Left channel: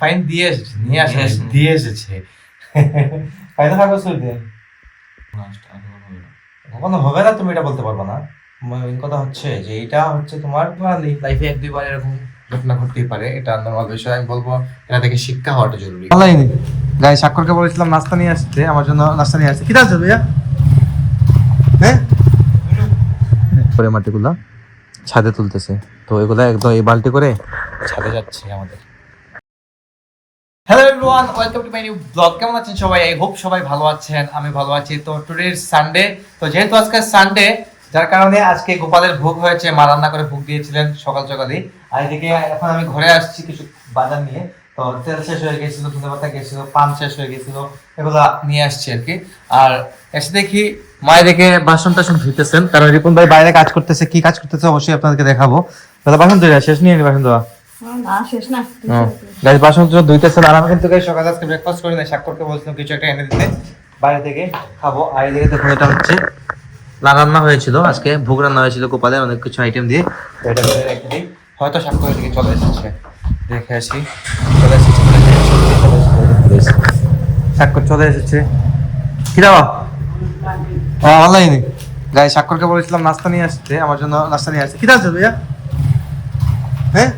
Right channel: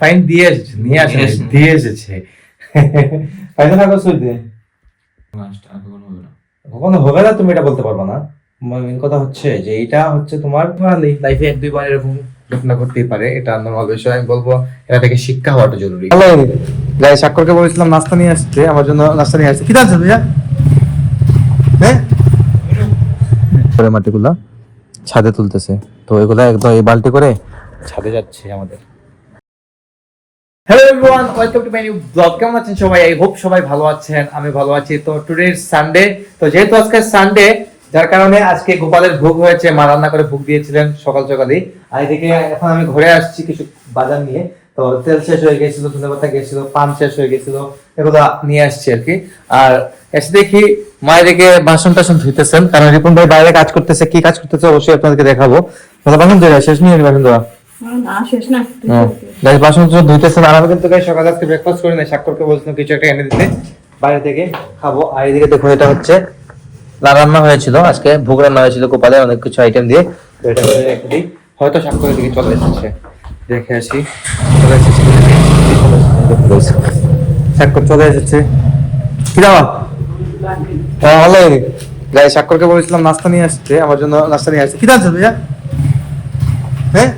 Fine দিয়ে এসেছে নিয়ে আসে দিয়ে এসেছে। ফাইনে থাকো শুধু দিয়ে কখনো হবে না তুমি এটা বলতে পারবে না। মেন কথা হচ্ছে যে এটা হচ্ছে তোমার লাইফে এক দুইবার এরকম ঘটনা ঘটতেই পারে এটা নর্মাল বিষয় আমি বলব এটা থেকে শিক্ষা হওয়াটা জরুরি। স্বাক্ষরকে বলেছিলাম নাস্তা নিয়ে আসতে আমার জন্য নাস্তা নিয়ে আসতে কি দাম ভাইয়া? হ্যাঁ? মাটিগুলা ছাদে তুলতেছে। তো এগুলা একদম এই বালতি করে ছাদে যাচ্ছে আমাদের। Hello everyone welcome to my new blog কেমন আছেন সবাই? আই সবাই ভালো আছেন। আমি ভালো আছি। তো টুডে সানডে তো যেহেতু আজকে সানডে যার কারণে আজকে গোপালের ভোগ হয়েছে। মা রান্না করে ভোগ দিয়েছিলেন সকাল এখন আমি ঘরে আসছি কিছু বাজার নিয়ে। তো তেল শেষ হয়ে গেছিল ধনে পাতা গেছিল পান শেষ হয়ে গেছিল। এগুলো নিয়ে আসছি আর কি। আর এসে দেখি মা এদিকে বাসন টাসন ধুইতেছেন। কারণ রিপন ভাই বাইরে কাজ করতেছে। কি কাজ করতেছে অবশ্যই আপনাদেরকে দেখাবো। বাসন ধরে শেষ নিয়ে বাসন না গাইস বাসন টাসন ধুইতেছেন আর আমি কিন্তু সকালে আজকে ব্রেকফাস্ট করি না বলছিলাম কিছু একটা এনে দিতে। বাইরে থেকে খাব। আর এদিকে দেখো এটা হচ্ছে রান্না হয়েছিল। আজকে ভোগ রান্না হয়েছিল অনেক কিছু আইটেম দিয়ে। তো এটা হয়তো দিকে চলে এসেছে। দেখে আসি। চলে এসেছে চলে এসেছে কি দাও হ্যাঁ ভালো লাগেনি গাই স্বাক্ষরকে বলেছিলাম, নাস্তা নিয়ে আসতে আমার জন্য নাস্তা নিয়ে আসছে। কি দাম চলবে হ্যাঁ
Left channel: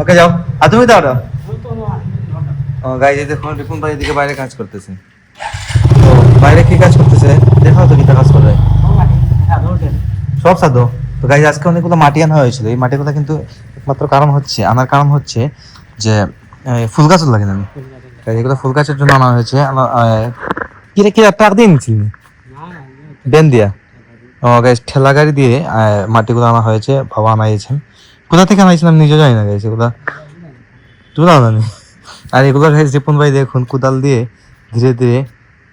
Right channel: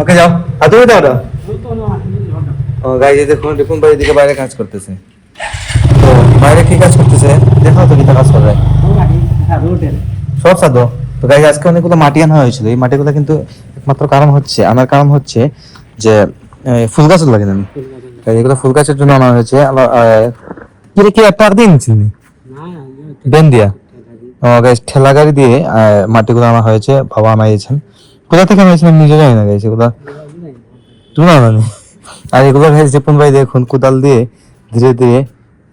ওকে যাও আর তুমি দাও ও গাইজ দেখুন, রিপুন ভাই এদিকে বাইরে কাজ করতেছে। বাইরে কি কাজ করতেছে? দেখাও তো কি কাজ করে। সব সাধো। তো গাইজ আজকে অনেকগুলো মাটি আনা হয়েছিল। এই মাটিগুলো কিন্তু একমাত্র কারণ হচ্ছে, আনার কারণ হচ্ছে যে ফুল গাছ লাগে না এগুলো ফুল গাছের জন্য আনা হয়েছে। কি রে, কি টাক দিয়ে নিচ্ছেন বেন দিয়া। ও গাইজ ঠেলা গাড়ি দিয়ে মাটিগুলো আনা হয়েছে। বাবা আনাইছেন কোথা থেকে আনাইছেন আমি নিজে জানি না গাইজ এগুলা আর এগুলো রিপন ভাই দেখুন, কোদাল দিয়ে ধীরে ধীরে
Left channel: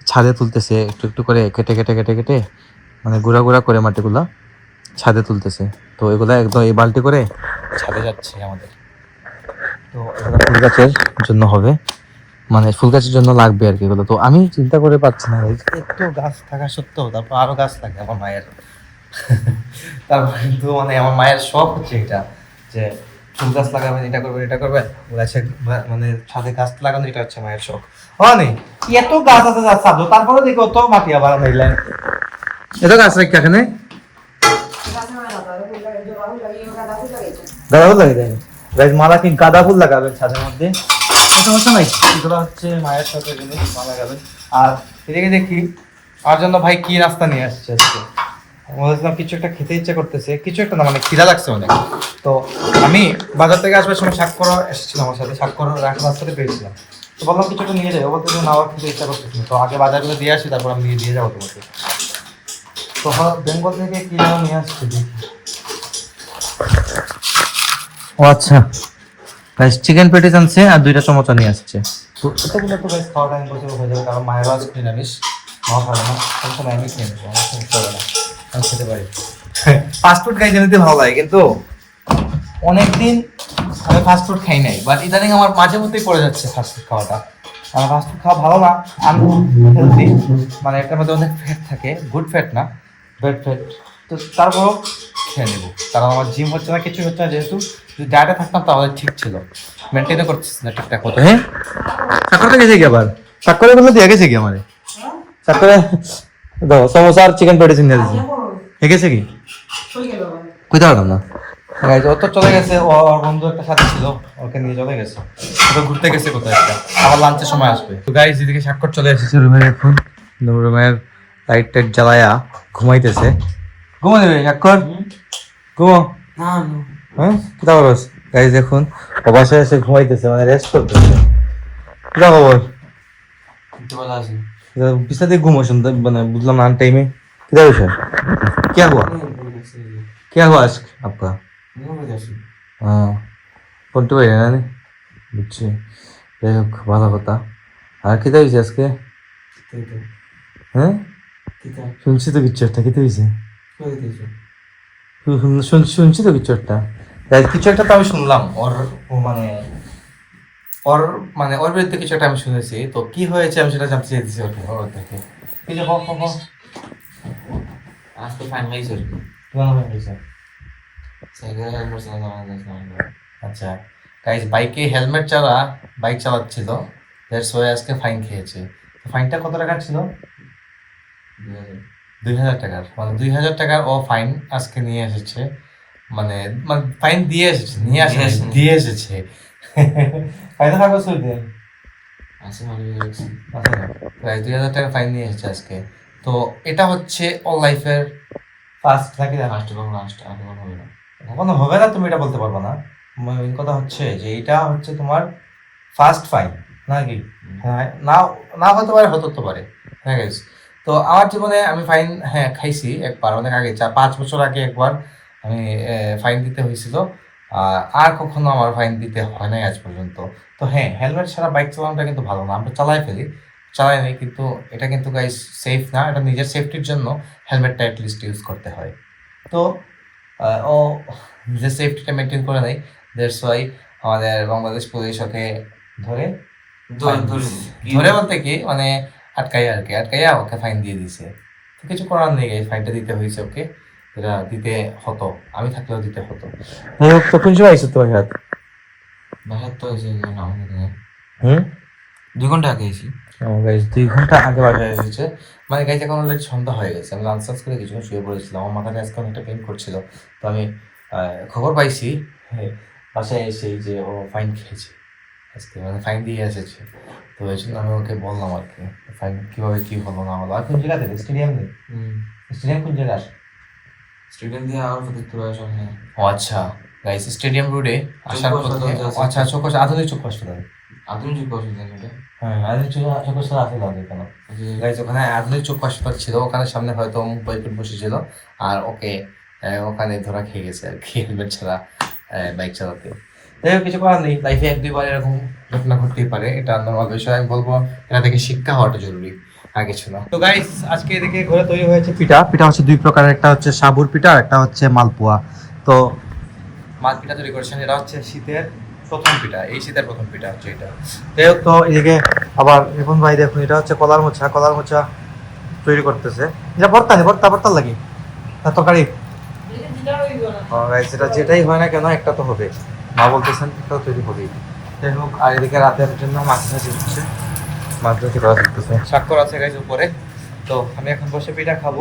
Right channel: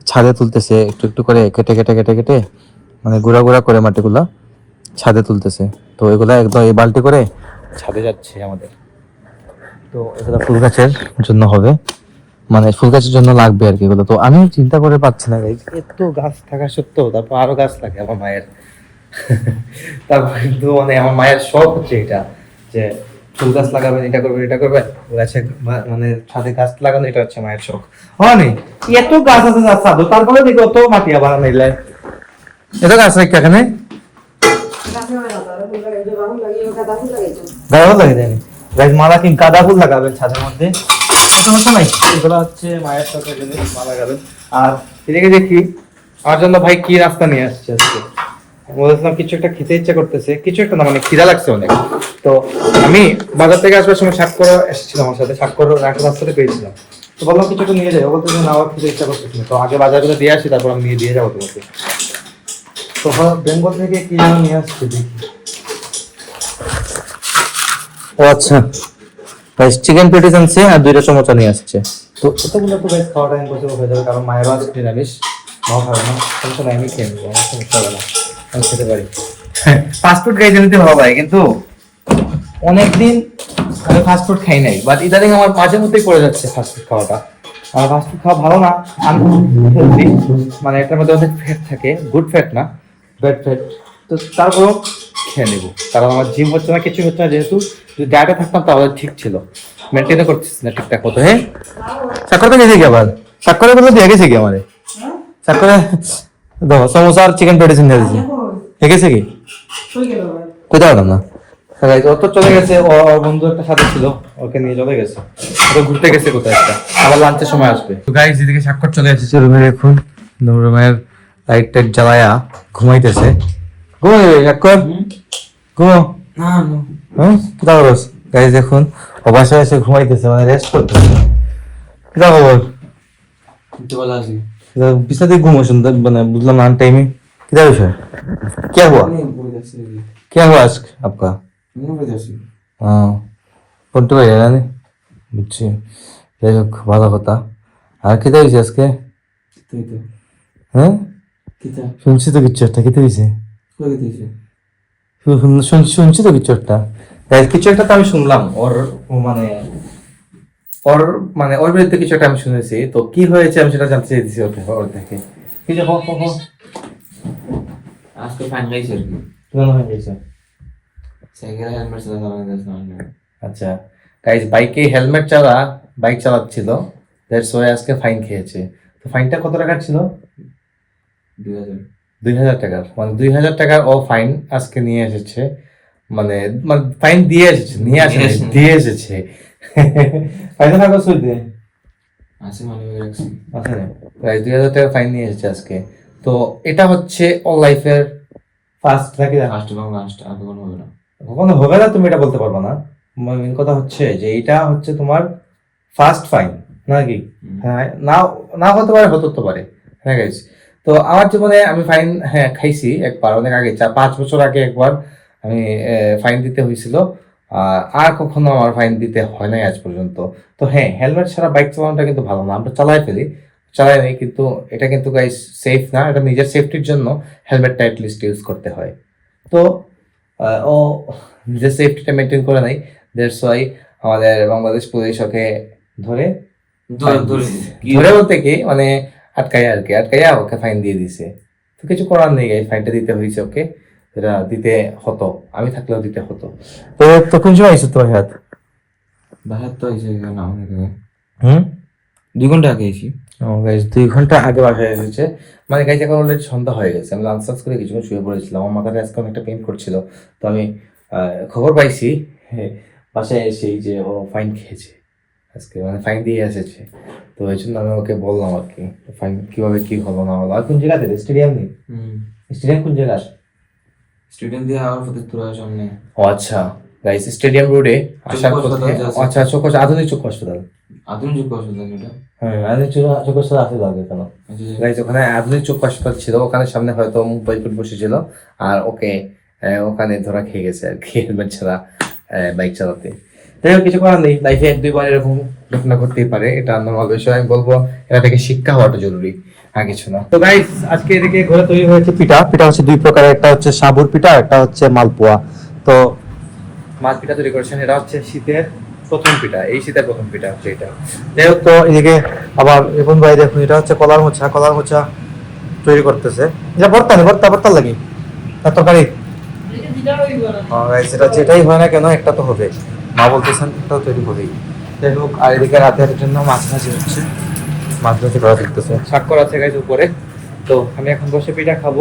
ছাদে তুলতেছে, একটু একটু করে কেটে কেটে কেটে কেটে মানে গুঁড়া গুঁড়া করে মাটিগুলা ছাদে তুলতেছে। তো এগুলা একদম এই বালতি করে ছাদে যাচ্ছে আমাদের। তো এগুলো ফুল গাছের জন্য হবে মানে ফুল গাছের জন্য লাগবে আর কি এগুলো। তো আমি চিন্তা করে পাচ্ছি না একটু গাছ থাকা সত্ত্বেও, তারপর আরও গাছ লাগে আমার মায়ের। তারপর কিন্তু মানে আমার মায়ের শখ হচ্ছে এটা, যে ফুল গাছ লাগাবেন, এটা করবেন এটা করবেন। মানে ছাদে গাছ লাগানো, এটা হচ্ছে মায়ের শখ। এত গাছ আছে গাছ সাধু তারপরে দেখো, তো মাটি আবার নিলে এটা গাছ রাখি এখানে। ভালো করে দেন গাইস মালা কি গাঁদা ফুল ছাদের মধ্যে। সমস্যা নাই এগুলো হচ্ছে মায়ের আর এদিকে দেখি আমার জন্য ভাই কি রাস্তা নিয়ে আসছে আজকে? বলেছিলাম কিছু একটা খেতে ইচ্ছা করতেছে কিছু একটা না মানে খিদা লাগছে অনেক। তো আমি বাজার থেকে আসবার সময় সাক্ষর এসেছিলাম আমার সাথে সাক্ষর একটা রাস্তাতে পেয়েছিলাম। তো বললাম কিছু একটা নিয়ে যাই। বলতে না আমার খেতে ইচ্ছা করতেছে। তো আগে বাজারগুলো দিয়ে আসি তারপর আমি নিয়ে দিয়ে যাব তোমাকে। তো বেঙ্গল থেকে কি যেন নিয়ে আসছে দেখি। ও আচ্ছা। গাইস চিকেন পেটিস আনছে আর দুইটা সমোসা নিয়ে আসছে। তো এটা কিন্তু একটু গাইস খাওয়াটা ইম্পসিবল হয়ে যাবে কারণ মায়ের আজকে নিরামিষ। মাও খাবে না। আমি খেয়ে নেব আমার সমস্যা হবে না। আমি খেতে পারি। ফাস্টফুড খাইতে দিতে ভালো লাগে কিন্তু অনেকদিন আমি ফাস্টফুড খাই নাই বাট ইদানিং আমার মাঝে মধ্যেই পড়ে যাচ্ছে ফাস্টফুড খাওয়াটা। আমার ফাস্টফুড খাওয়া ভালো না আনহেলদি মানে এটার মধ্যে অনেক ফ্যাট থাকে গুড ফ্যাট না ব্যাড ফ্যাট তো তারপরও খেয়ে নেব কারণ আমার জিম হচ্ছে না কিছু হচ্ছে না যেহেতু যদি ডায়েটে থাকতাম তাহলে ঠিক ছিল। মেনটেনও করতেছি না ঠিকঠাক মতো। হ্যাঁ? সাক্ষরটা গেছে কি আবার? সাক্ষরের বলে দিয়ে গেছে কি আমারে? সাক্ষরে সমোসা আর চিকেন পেটিস নিয়ে দিয়েছে দেখেছে কি? কোথায় আলাদা না ও তো চলে গেছে ও ওর বন্ধু একটা সাথে ছিল ওকে নিয়ে চলে গেছে। ও ঘুরতে গেছে কোথায় একটা আবার লাঞ্চের সময় আসবে। তো গাইজ এদিকে স্বাক্ষর চলে এসেছে রুমের এখন রুমের লাইট টাইট জ্বালায়া ঘুমাইতেছে। ঘুম একবার ঘুম হ্যাঁ দাও রস। গাইজ এখন এসে ঘুমাইতেছে মানে রেস্ট করতেছে। না ঘুমো শুনতে মানে বুঝলাম না আন টাইমিং কি क्या हुआ क्या हुआ आज आपका हाँ পড়তে পারি না বুঝছি যাই হোক ভালো কথা আর খেতে হয়েছে আজকে হ্যাঁ শুনছি তো কিছু একটা খেতে হয়েছে শুন- শুন- শুনছি তো কিছু একটা হ্যাঁ, কিছু একটা তো আমি শুনলাম ওর ও মানে ওর মানে ওর বিরুদ্ধে কিছু একটা আমি শুনেছি তো কি হয়েছে আমি সেটা জানতে চাইছি ওর ওর থেকে কি যে হো- হো- হো, আজকে ফাইন আমাদের আচ্ছা। গাইজ বাইকে হেলমেট চালা বাইক চালাচ্ছিল। দ্যাটস ওয়াই আজকে ফাইন খেয়েছে। তো ফাইনটা কত টাকার ছিল? দুই হাজার। দুই হাজার টাকার। মানে দুই হাজার টাকার ও ফাইন আজকে নিয়ে এসেছে। মানে মানে ফাইন দিয়ে এসেছে নিয়ে আসে দিয়ে এসেছে। ফাইনে থাকো সুদ দিন আসি ভালো হয়ে গেছে। আচ্ছা। গাইজ দুই হাজার টাকার ফাইন নিয়ে এসেছে আজকে। তো এটা হচ্ছে ও লাইফের ফার্স্ট নাকি ফার্স্ট এবং লাস্ট আর কোনো হবে না। কখনো হবে না তুমি এটা বলতে পারবে না। মেন কথা হচ্ছে যে এটা হচ্ছে তোমার ফার্স্ট ফাইন নাকি? হ্যাঁ না না হতে পারে হতে তো পারে। হ্যাঁ গাইস তো আমার জীবনে আমি ফাইন হ্যাঁ খাইছি একবার অনেক আগে চার পাঁচ বছর আগে একবার আমি ফাইন দিতে হয়েছিল। আর কখনো আমার ফাইন দিতে হয় নাই আজ পর্যন্ত। তো হ্যাঁ হেলমেট ছাড়া বাইক চালানোটা কিন্তু ভালো না আমরা চালাই ফেলি। চালাই নাই কিন্তু এটা কিন্তু গাইস সেফ না এটা নিজের সেফটির জন্য হেলমেটটা অ্যাটলিস্ট ইউজ করতে হয়। তো ও নিজের সেফটিটা মেনটেন করে নাই দ্যাটস ওয়াই আমাদের বাংলাদেশ পুলিশ ওকে ধরে ধরে বলতে কি মানে আটকাই আর কি আটকাইয়া ওকে ফাইন দিয়ে দিছে তো কিছু করার নেই এই ফাইনটা দিতে হয়েছে ওকে এটা দিতে হতো আমি থাকলেও দিতে হতো। তো তো কোন সময় এসে তোমার হাত। বাহাত্তর হয়েছে না অনেক হুম? দুই ঘণ্টা আগে এসি দুই ঘণ্টা আগে বাসা এসেছে। মানে গাইস এখন অলরেডি সন্ধ্যা হয়ে গেছে। আমি লাঞ্চ করে কিছু শুয়ে পড়েছিলাম। আমার মাথাটা আজকে অনেকটা পেন করছিল। তো আমি খবর পাইছি হ্যাঁ, বাসায় এসে যে ও ফাইন খেয়েছে। আজকে মানে ফাইন দিয়ে এসেছে। তো এই জন্য আমি ওকে বললাম আর কি ফাইন কীভাবে কি হলো না হলো। আর কোন জায়গা থেকে স্টেডিয়াম নেই স্টেডিয়াম কোন জায়গা স্টুডেন্ট দিয়ে আর ফতেপুর সামনে। ও আচ্ছা। গাইস স্টেডিয়াম রোডে আসার আছে। আচ্ছা চোখ আধুনিক চোখ হাসপাতাল। আধুনিক হ্যাঁ আধুনিক কেন। ওখানে আধুনিক চোখ ছিল ওখানে সামনে হয়তো ফোন বসেছিল আর ওকে ওখানে ধরা খেয়ে গেছে আর কি হেলমেট ছাড়া বাইক চালাতে। যাই হোক কিছু করার নেই। লাইফে এক দুইবার এরকম ঘটনা ঘটতেই পারে এটা নর্মাল বিষয়। আমি বলব এটা থেকে শিক্ষা হওয়াটা জরুরি আর কিছু না। তো গাইস আজকে এদিকে ঘরে তৈরি হয়েছে পিঠা। পিঠা হচ্ছে দুই প্রকারের একটা হচ্ছে সাবুর পিঠা একটা হচ্ছে মালপোয়া। তো মাছ পিঠা তৈরি করেছেন এটা হচ্ছে শীতের প্রথম পিঠা এই শীতের প্রথম পিঠা হচ্ছে এটা। যাই হোক তো এদিকে আবার এখন ভাই দেখুন এটা হচ্ছে কলার মোচা কলার মোচা তৈরি করতেছে। এটা ভর্তা নেই ভর্তা ভর্তা লাগে? আর তরকারি? guys, যেটাই হয় না কেন একটা তো হবে। মা বলতেছেন একটাও তৈরি করি। যাই হোক আর এদিকে রাতের জন্য মাছ ভাজি হচ্ছে। মাছ ভাজি করা দেখতেছে স্বাক্ষর আছে গাইজ উপরে। তো আমি এখন বসে পিঠা খাব।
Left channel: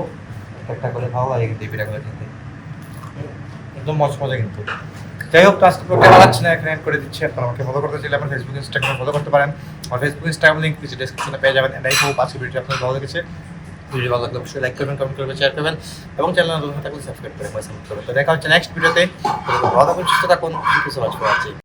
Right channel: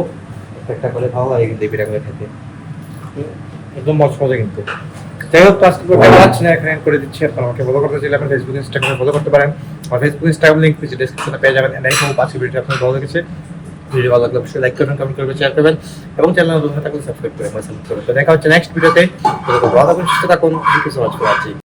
একটা করে ভালো লাগে কিন্তু পিঠা করে খেতে। একদম মজা কিন্তু। যাই হোক তো আজকে বানাচ্ছি না এখানে করে দিচ্ছি। আপনারা আমাকে ফলো করতে চাইলে আপনার ফেসবুক ইনস্টাগ্রামে ফলো করতে পারেন। আমার ফেসবুক ইনস্টাগ্রাম লিঙ্ক নিচে ডেসক্রিপশনে পেয়ে যাবেন। এটাই হোক আজকে ভিডিও আপনার ভালো লেগেছে ভিডিও ভালো লাগলে অবশ্যই লাইক করবেন কমেন্ট করবেন শেয়ার করবেন। এবং চ্যানেল নতুন থাকলে সাবস্ক্রাইব করে পাশে করবেন। তো দেখা হচ্ছে নেক্সট ভিডিওতে ভালো থাকুন সুস্থ থাকুন। Thank you so much for watching